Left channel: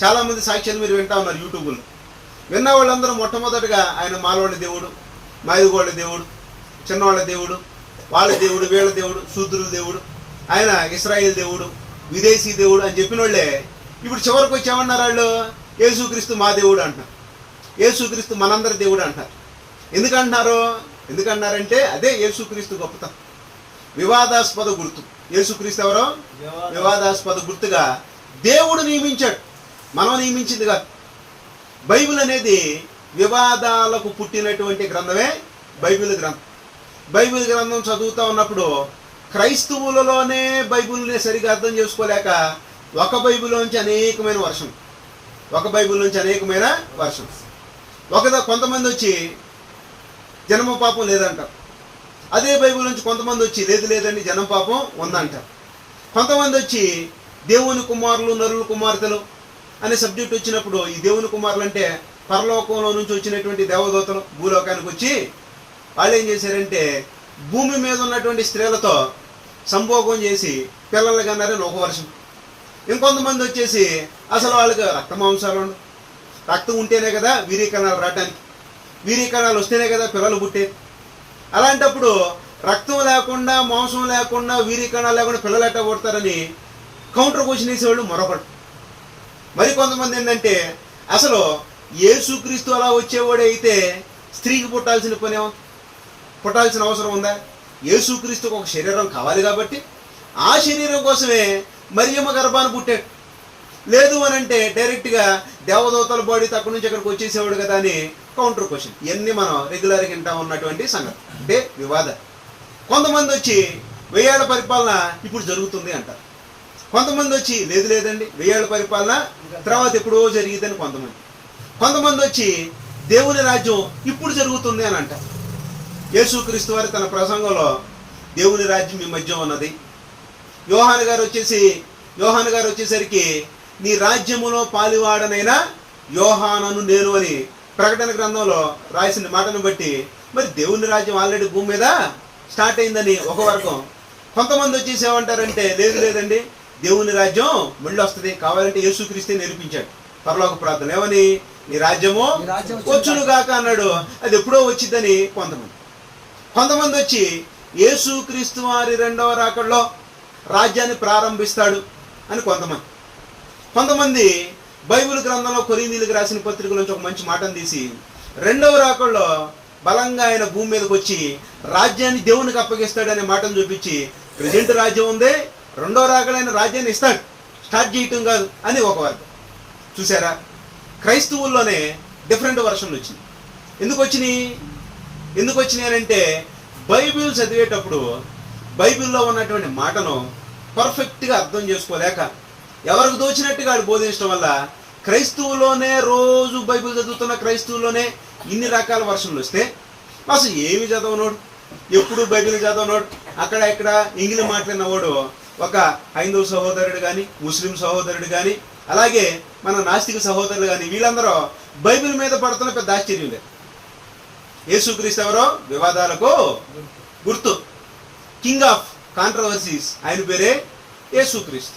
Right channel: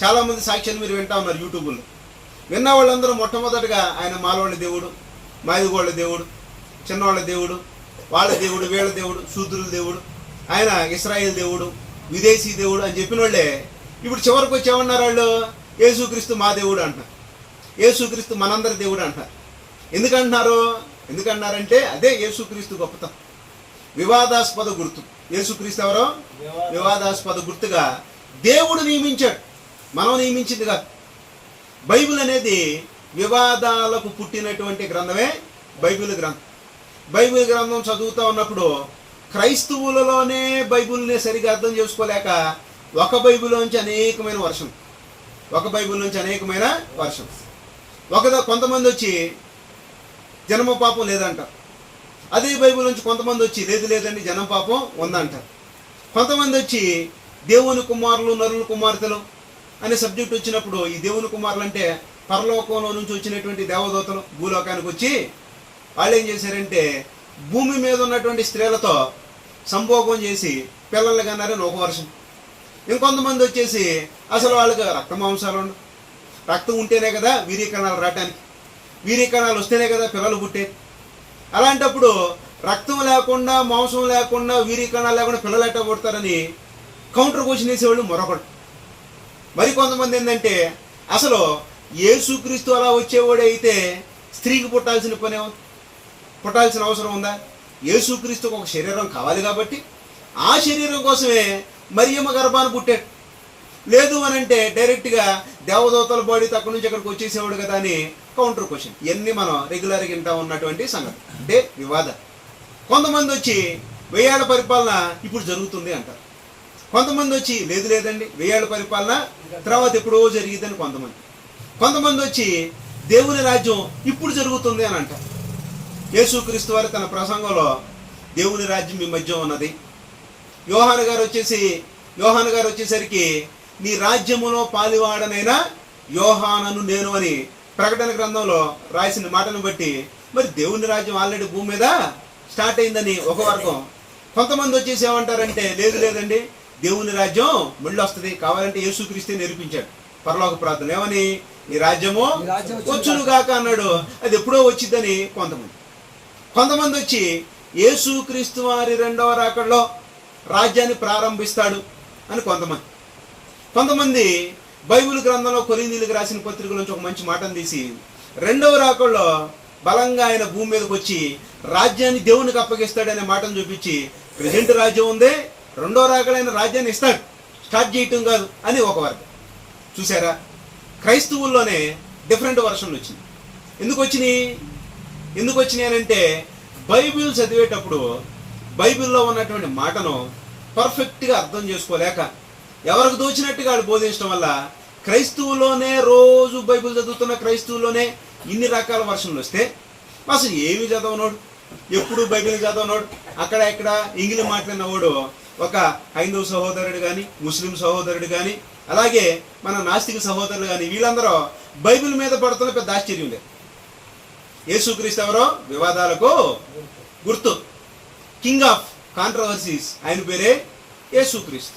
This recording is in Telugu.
చాలామంది సాక్ష్యాలు మీరు వింటా ఉన్నారు యూట్యూబ్లో. విన్న వాళ్ళందరూ మొట్టమొదటిగా ఆయన మాలవాళ్ళ దేవుడు, మాదిగోళ్ళ దేవుడు, చిన్నవాళ్ళ దేవుడు, వాళ్ళ దేవుడు, వీళ్ళ దేవుడు, శూద్రుల దేవుడు, ఆయన ఇస్రాయేల్ దేవుడు, విదేశీ దేవుడు అని చెప్పిన వాళ్ళే ఇప్పుడు చివరికి వచ్చి ఏమన్నారు వాళ్ళు? యేసుక్రీస్తు మా దేవుడు అంటున్నారు, యేసుక్రీస్తు మనందరి దేవుడు అంటున్నారు. ఎందుకంటున్నారంటే అదే యేసుక్రీస్తు గొప్పతనం. వివాదాస్పద గుర్తు. యేసుక్రీస్తు ఎవరో వివాదాస్పద గుర్తుగా దేవుడు నియమించాడు, మనం నియమించింది కాదు. బైబిల్ అనేది వివాదాలకు పుట్టినటువంటి గ్రంథమే బైబిల్ గ్రంథం. బైబిల్ గ్రంథం చదువుతూ ఉన్నప్పుడు క్రైస్తవులలోనే బైబిల్ని సరిగా అర్థం చేసుకోలేక ఒక బైబిల్లోంచి అనేకమైన వర్షం. కొంతమంది వచ్చి జన్మ పాపం లేదంటారు. అదే బైబిల్ నుంచి కొంతమంది వచ్చి లేదండి జన్మ పాపం ఉందంటారు. కొంతమంది వచ్చి దేవుని కుమారులు, నరుల కుమార్తెలు అనే సబ్జెక్ట్ వచ్చినప్పుడు ఈ దేవుని కుమారులు అంటే పరలోకంలో నుంచి వచ్చినటువంటి దేవదూతలు భూలోకానికి వచ్చి వాళ్ళు ఏం చేశారంటే భూమి మీద ఉన్నటువంటి స్త్రీలతో సంభోగం చేసి పిల్లలు కన్నారని ఒక వర్షం. ఇంకొంతమంది వచ్చేసి అసలు వాళ్ళకి రక్త మాంసాలు రక్తం ఉంటేనే కదా వీర్యకణాలు రావటానికి, వీర్యకణాలు వస్తేనే కదా పిల్లలు పుట్టేది. అలాంటప్పుడు రక్తం లేకుండా, మాంసం లేకుండా, వీర్యకణాలు లేకుండా పిల్లలు ఎట్టా పుడతారని కౌంటర్ క్వశ్చన్ వేసేవాళ్ళు మరొకటి. మరి కొంతమంది ఏంటంటే అసలు యేసుక్రీస్తు అలా వచ్చేవాడే అయితే స్త్రీకి పుట్టాల్సిన అవసరం ఉందా? యేసుక్రీస్తుకు ఒక శరీరం కావాలి కాబట్టి ఆ శరీరం కోసమే మరియమ్మ గర్భాన్ని పుట్టాడు. లేదు అని అంటే డైరెక్ట్గా దేవదూతల బాడీ తక్కువ నుంచి ఇక్కడికి వచ్చేసేవాడు కదా అని కౌంటర్ క్వశ్చన్. ఇవన్నీ మనం రెగ్యులర్గా వింటా ఉన్నటువంటి సంగతి అంటే వివాదం. కొంతమంది వచ్చి 1000 ఏళ్ల పరిపాలన ఇప్పుడు జరుగుతుంది అంటారు. కొంతమంది వచ్చి లేదండి 1000 ఏళ్ల పరిపాలన తర్వాత ఎప్పుడో జరిగిద్దని కొంతమంది వచ్చి దేవుని రాజ్యం ఇప్పుడు జరుగుతుంది అని అంటారు. యేసుక్రీస్తు వారి తన ప్రసంగంలో దేవుని రాజ్యం మీ మధ్య ఉన్నది. యోహాను గారు వచ్చేసరికి నీ రాజ్యములో పాలివాడనైనా యోహానను నేను అని ప్రకటన గ్రంథంలో రాసిన మాటను బట్టి మరి దేవుని రాజ్యం ఆల్రెడీ భూమి మీద స్టార్ట్ అయిందని ఒక వర్గం. కొంతమంది వచ్చేసి ఏమంటారంటే లేదండి దేవుని రాజ్యం మళ్ళీ వస్తుంది, కావాలంటే యేసుక్రీస్తే నేర్పించాడు పరలోక ప్రార్థన ఏమని, నీ రాజ్యము వచ్చునుగాక అన్నాడు, అది ఎప్పుడో వచ్చిందని కొంతమంది వచ్చి యేసుక్రీస్తు వారి 2వ రాకడలో రాజ్యాన్ని ప్రారంభిస్తాడు అని కొంతమంది బైబిల్ గ్రంథంలో కొరింథీయులకు రాసిన పత్రికల నుంచి ఒక మంచి మాటను తీసి 2వ రాకడలో బలంగా ఆయన భూమి మీదకి వచ్చి రాజ్యాన్ని దేవునికి అప్పగిస్తాడు అనే మాటను చూపించి ప్రెజెంట్ రాజ్యం ఉంది, 2వ రాకడైన రాజ్యాన్ని ఇస్తాడు, స్టార్ట్ చేయటం కాదు అని ఒక వర్గం. చూసారా, క్రైస్తవుల్లోనే డిఫరెంట్ వర్షన్లు వచ్చినాయి. ఎందుకు వచ్చినాయి అని అంటే బైబిల్ చదివేటప్పుడు బైబిల్లో ఉన్నటువంటి మాటను పర్ఫెక్ట్గా అర్థం చేసుకోలేక ఎవరికి దోచినట్టుగా వాడు బోధించడం వల్ల క్రైస్తవులోనే రోజు బైబిల్ చదువుతున్న క్రైస్తవులోనే ఇన్ని రకాల వర్షన్లు వస్తే అసలు ఏమి చదవనోడు, ఎప్పుడు బైబిల్ చదవనోడు, అక్కడ ఇక్కడ ఇంగ్లీష్ మాట్లాడినవాడు ఒక హైందవ సహోదరుడు కానీ, ముస్లిం సహోదరుడు కానీ, అలాగే మన నాస్తిక సహోదరులు కానీ వీళ్ళందరూ బైబిల్ మీద పడుతున్న పెద్ద ఆశ్చర్యం లేదు. యేసుక్రీస్తు ఎవరో వివాదాలకు గుర్తు, కింగ్ ఆఫ్ కాంట్రవర్సీస్, ఆయన పేరే యేసుక్రీస్తు.